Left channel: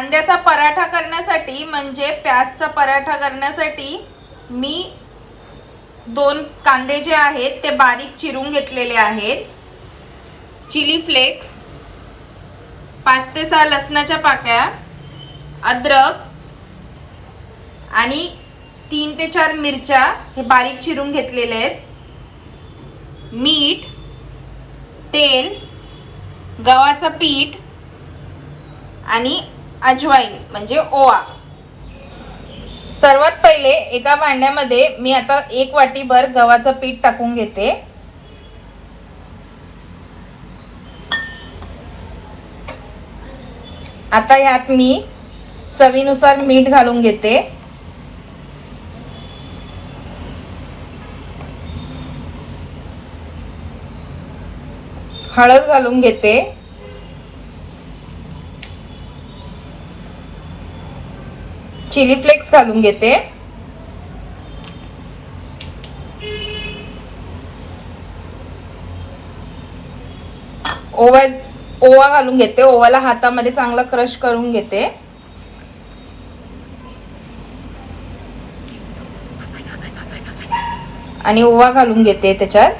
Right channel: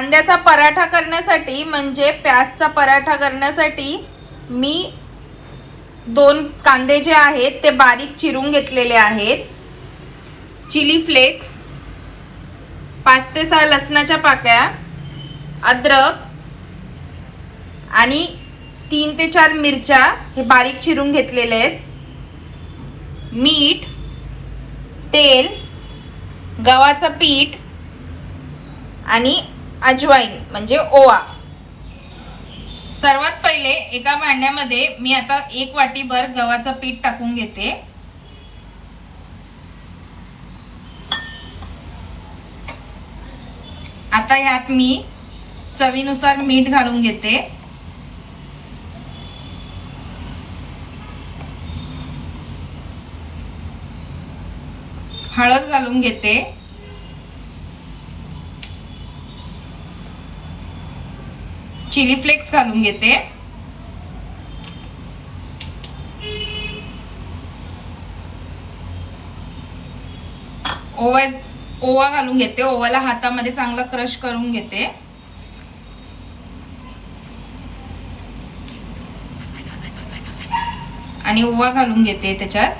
कांद्याचा पराठा करण्यासाठी म्हणजे प्याजचा पराठा करण्यासाठी मी दोन कांदे जे आहेत ते बारीक चिरून घेतलेले आहेत. चिली फ्लेक्स पाच ते सहा लसणाच्या पाकळ्या अद्रक आणि तीन ते चार मिरच्या हे बारीक चिरून घेतलेले आहेत. मीठ तेल गव्हाचं पीठ आणि अजवाईन म्हणजे ओवा. सर्वात पहिले एका भांड्यामध्ये मी आता एक वाटीभर गव्हाचं पीठ टाकून घेते. आता यात मी चवीनुसार मीठ घालून घेते. हळद घालून घेते. चिली फ्लेक्स घालून घेते. ओवा ओवा घालून घेते. ओवाला हातामध्ये चांगला क्रश करून घेते. आणि ओवा घालून घेते त्याच्यात.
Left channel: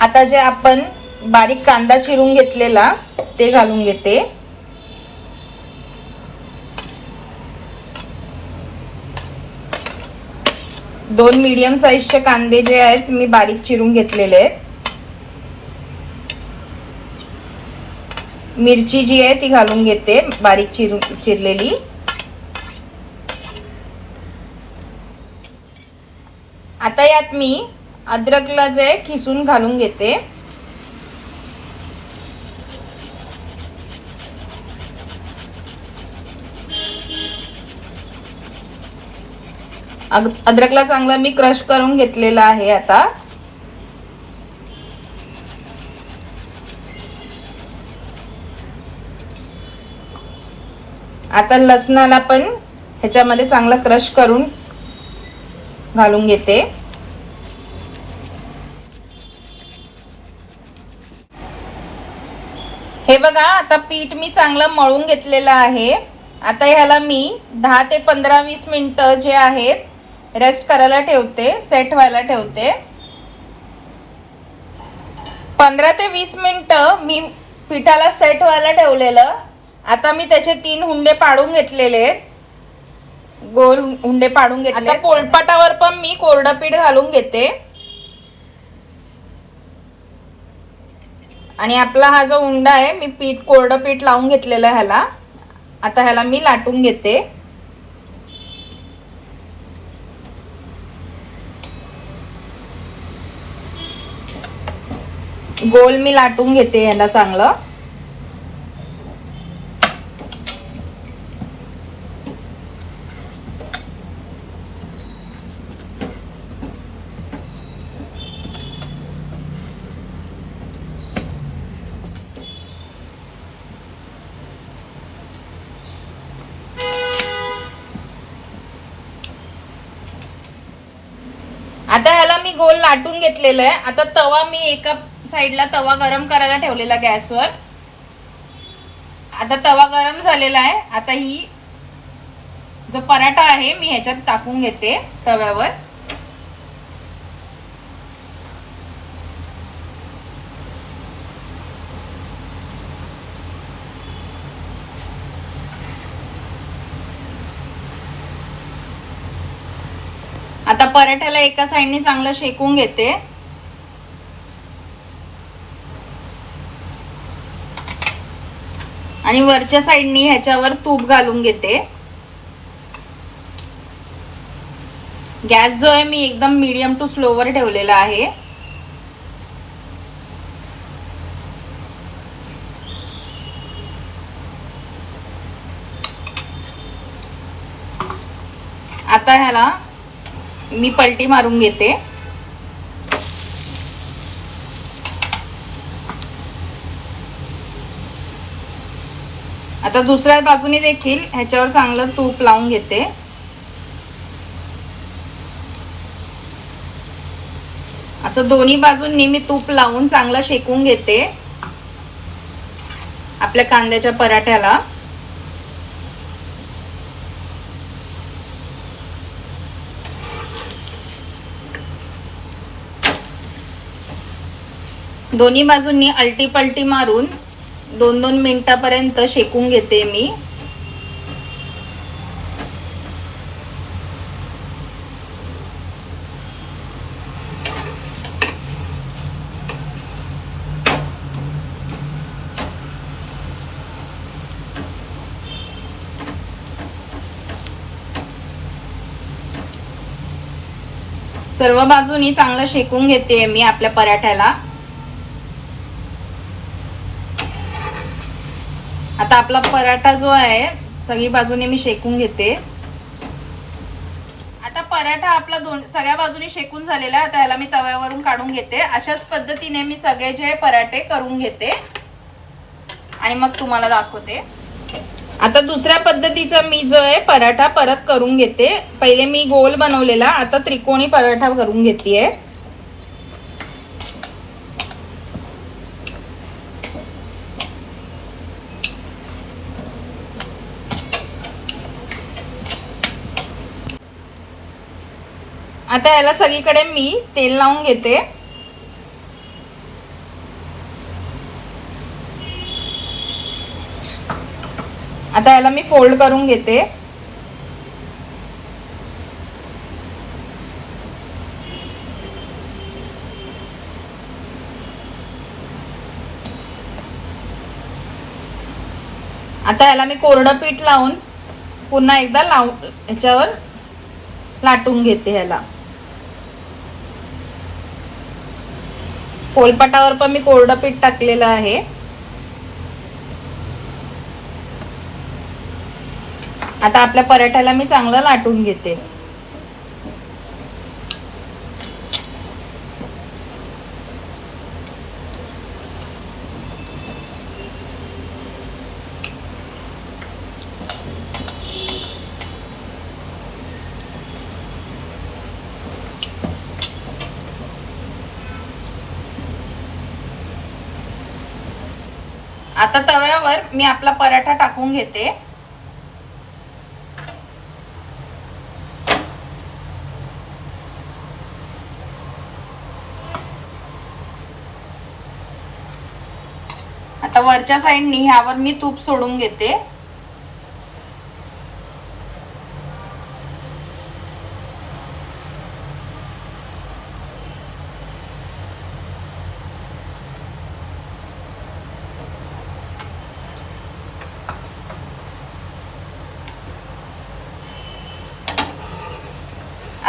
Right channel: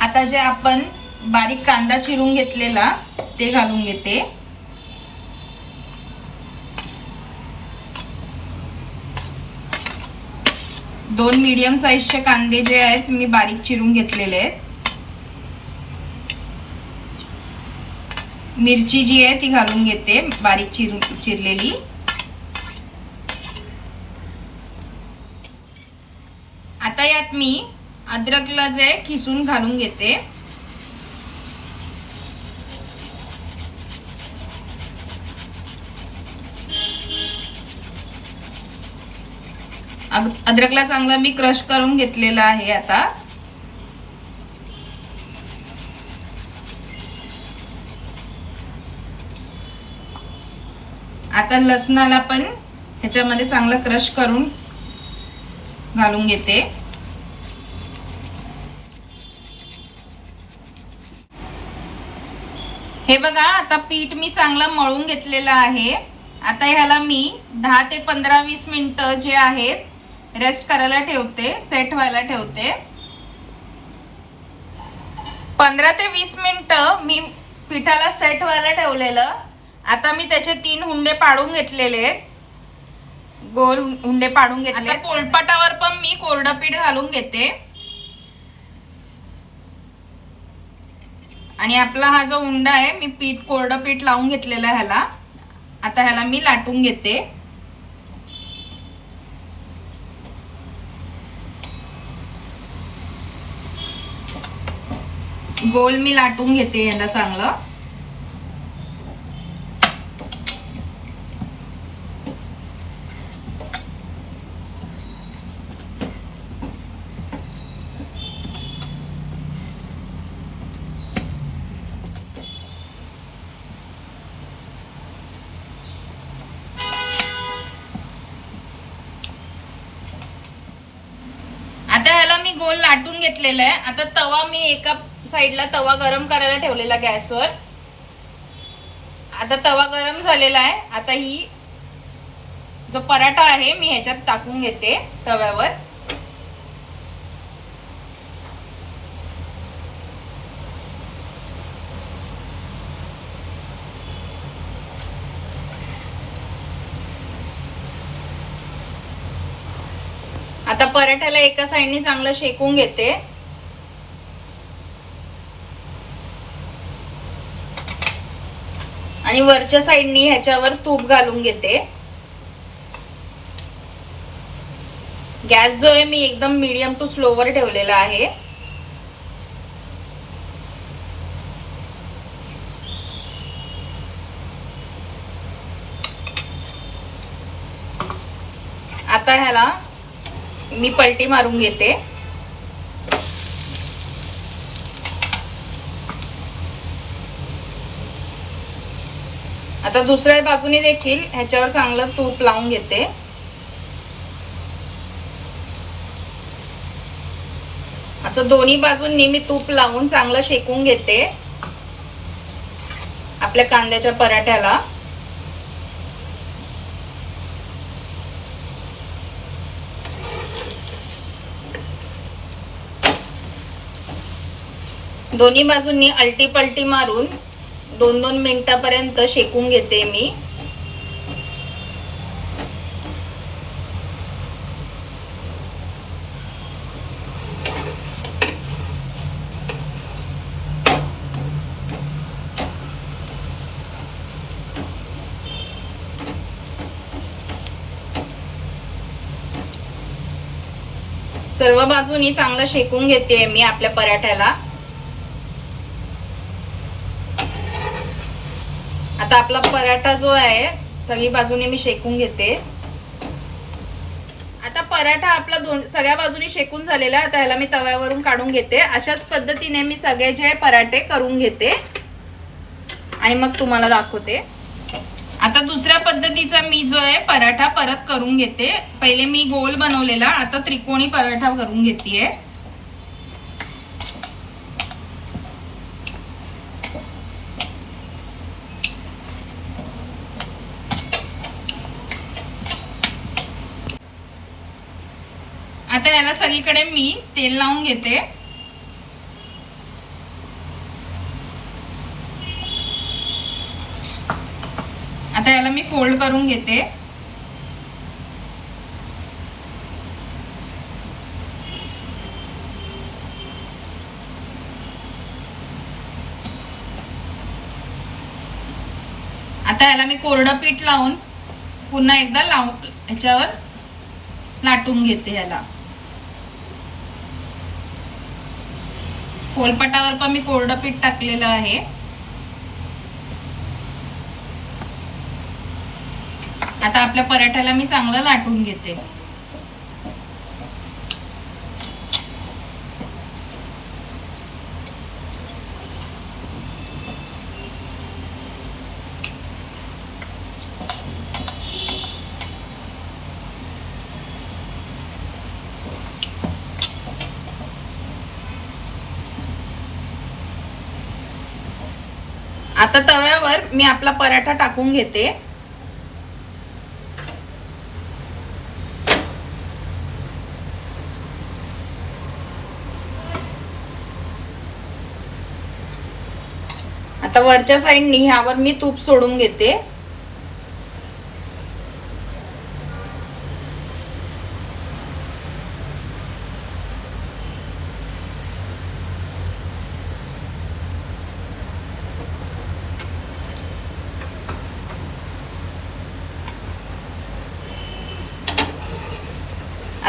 आता जे आपण बारीक कांदा चिरून घेतलेला ते घालून घेते. दोन मीडियम साईजचे कांदे जे आहेत मी बारीक चिरून घेतलेले आहेत. मिरची जी आहे ती घालून घेते बारीक चिरून चिरलेली. आता यात मी अद्रकला जे खिसून घालून घेते. अद्रकला चांगलं मी क्रश करून घेतलेलं आहे आता. आता लसणाला पण ह्याच्यामध्ये चांगला क्रश करून घालून घेते. हे बघा आता पीठ मी चांगलं मळून घेतलेलं आहे. आता ह्याला मी दहा ते पंधरा वीस मिनिटं जे आहेत रेस्ट करायला ठेवते सेट व्हायला ठेवते. पंधरा ते वीस मिनिट मी पिठाला सेट व्हायला ठेवलेलं. आता मी त्याचे तीन हुंडे पाडून घेतलेले. गोल हुंडे पाडून घेतले. पोलपाटावर पण मी कोरडं पीठ घालून घेते. आणि आपला हा जो उंडा आहे मी पीठ कोरडं पीठ लावून घेतलेलं ह्याला. आता ह्याला मी लाटून घेते. गोल मी लाटून घेते ह्याला चांगलं. आता ह्याला मी गोल लाटून घेतलेलं आहे. आता तवा मी एका साईडला तवा गरम करायला ठेवलेला गॅसवर. आता तवा गरम झालेला आहे. आता ही जो पराठा आहे मी ह्याच्यात टाकून घेते तव्यावर. आता पराठ्याला एका साईडने चांगलं शेकून घेते. आणि वरच्या साईडनी ह्याच्यावर तूप घालून घेते. गॅस जो आहे मी एकदम मीडियम टू स्लोवर ठेवलेला आहे. आता ह्याला मी पलटी मारून घेते. आता दुसऱ्या बाजूने देखील ह्याच्यावर चांगलं तूप लावून घेते. असं दोन्ही बाजूंनी मी तूप लावून चांगलं शेकून घेते. आपल्या कांद्याच्या पराठ्याला. दोन्ही बाजूंनी अलटी पलटी मारून दोन दोन मिनिटापर्यंत शेकून घेते मी. सर्व बाजूनी चांगलं शेकून घेते मी आपल्या पराठ्याला. आता आपला पराठा जो आहे सगळी बाजूने मी शेकून घेते. आता पराठा आपला दोन सगळ्या बाजूने शेकून झालेला आहे आता ह्याला मी तव्यावरून काढून घेते. अशाच पद्धतीने मी सगळे जे पराठे करून घेते. आणि मग तुम्हाला दाखवते. आता दुसऱ्या पद्धतीचा मी जो आहे पराठा परत करून घेते. पहिले मी गोल बनवलेला आता त्रिकोणी पराठा करून घेतेय. आता याला सगळीकडे मी तेल लावून घेते. आता याला मी फोल्ड करून घेते. आता याला मी कोरडं पीठ लावून पुन्हा एकदा लावून ह्याच्यावर लाटून घेते ह्याला पोलपाटावर पण मी कोरडं पीठ टाकलेलं आहे. आता आपल्या पराठ्याला मी चांगलं लाटून घेते. आता तव्यावर मी आपला पराठा टाकून घेते. आता वरच्या साईडनी ह्यावर मी तूप सोडून घेते.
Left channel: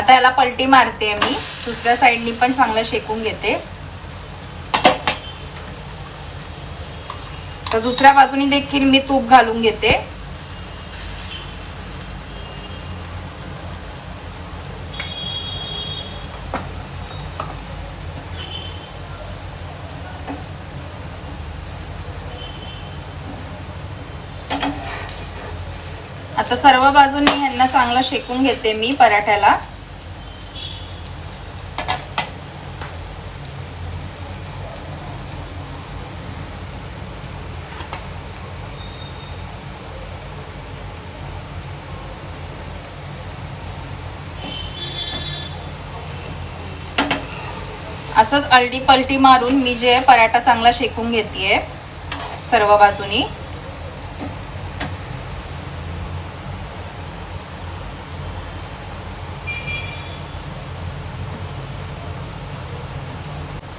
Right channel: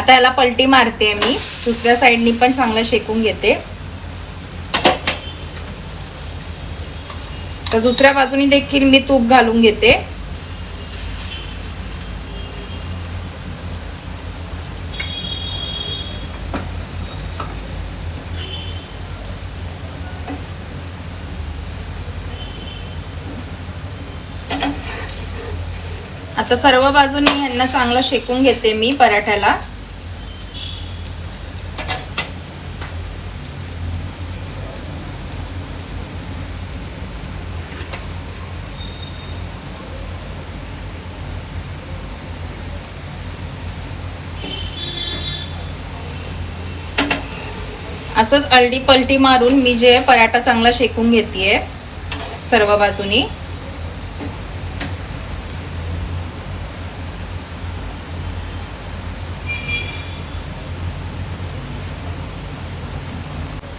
आता याला पलटी मारते मी. दुसऱ्या साईडनी पण चांगलं शेकून घेते. तर दुसऱ्या बाजूनी देखील मी तूप घालून घेते. आता सर्व बाजूनी ह्यांना चांगलं शेकून घेते मी पराठ्याला. असंच अलटी पलटी मारून मी जे पराठा चांगला शेकून घेतेय सर्व बाजूनी.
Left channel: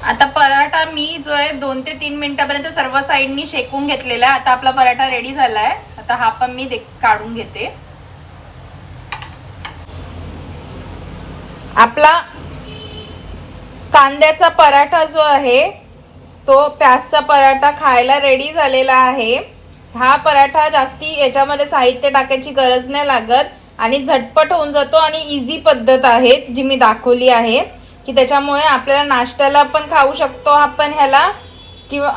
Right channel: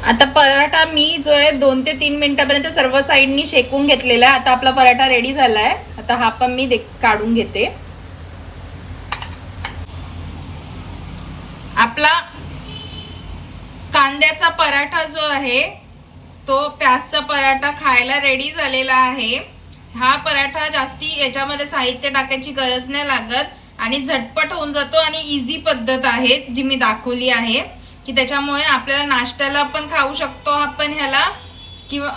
आता पराठा मी जो आहे दोन ते तीन मिनिटापर्यंत सर्व साईडनी शेकून घेतलेला आहे. आता आपला पराठा रेडी झालाय. आता हा पण मी काढून घेते. आपला कांद्याचा पराठा जो आहे तो प्याजचा पराठा खायला रेडी झालेला आहे. हा पराठा जास्ती याच्यामध्ये साहित्य टाकायची गरज नाही लागत आणि झटपट होऊन जातो आणि इझी पद्धत आहे जी मी दाखवली आहे. की त्याच्यामुळे आपल्याला नाश्त्याला पण खाऊ शकतो आपण ह्याला. किंवा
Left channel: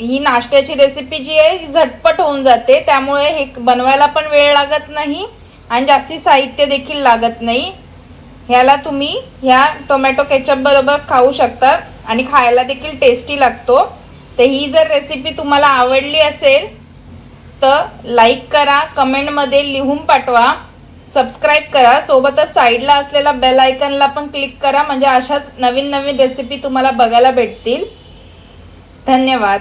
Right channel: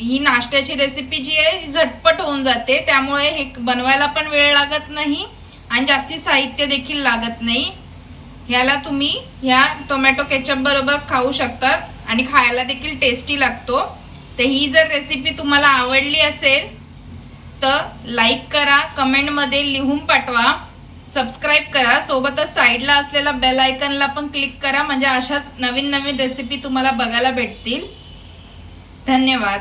ही नाश्त्याची रेसिपी जी आहे ही झटपट होऊन जाते. त्यामुळे हे बनवायला पण वेळ लागत नाही आणि जास्ती साहित्य देखील लागत नाही. ह्याला तुम्ही ह्या टोमॅटो केचप बरोबर खाऊ शकता आणि खायला देखील टेस्टी लागतो. तर ही जर रेसिपी तुम्हाला आवडली असेल तर लाईक करा कमेंटमध्ये लिहून पाठवा. सबस्क्राईब करा. सोबतच साईडला असलेला बेल आयकनला पण क्लिक करा. म्हणजे अशाच नवीन नवीन रेसिपी तुम्हाला बघायला भेटतील. धन्यवाद.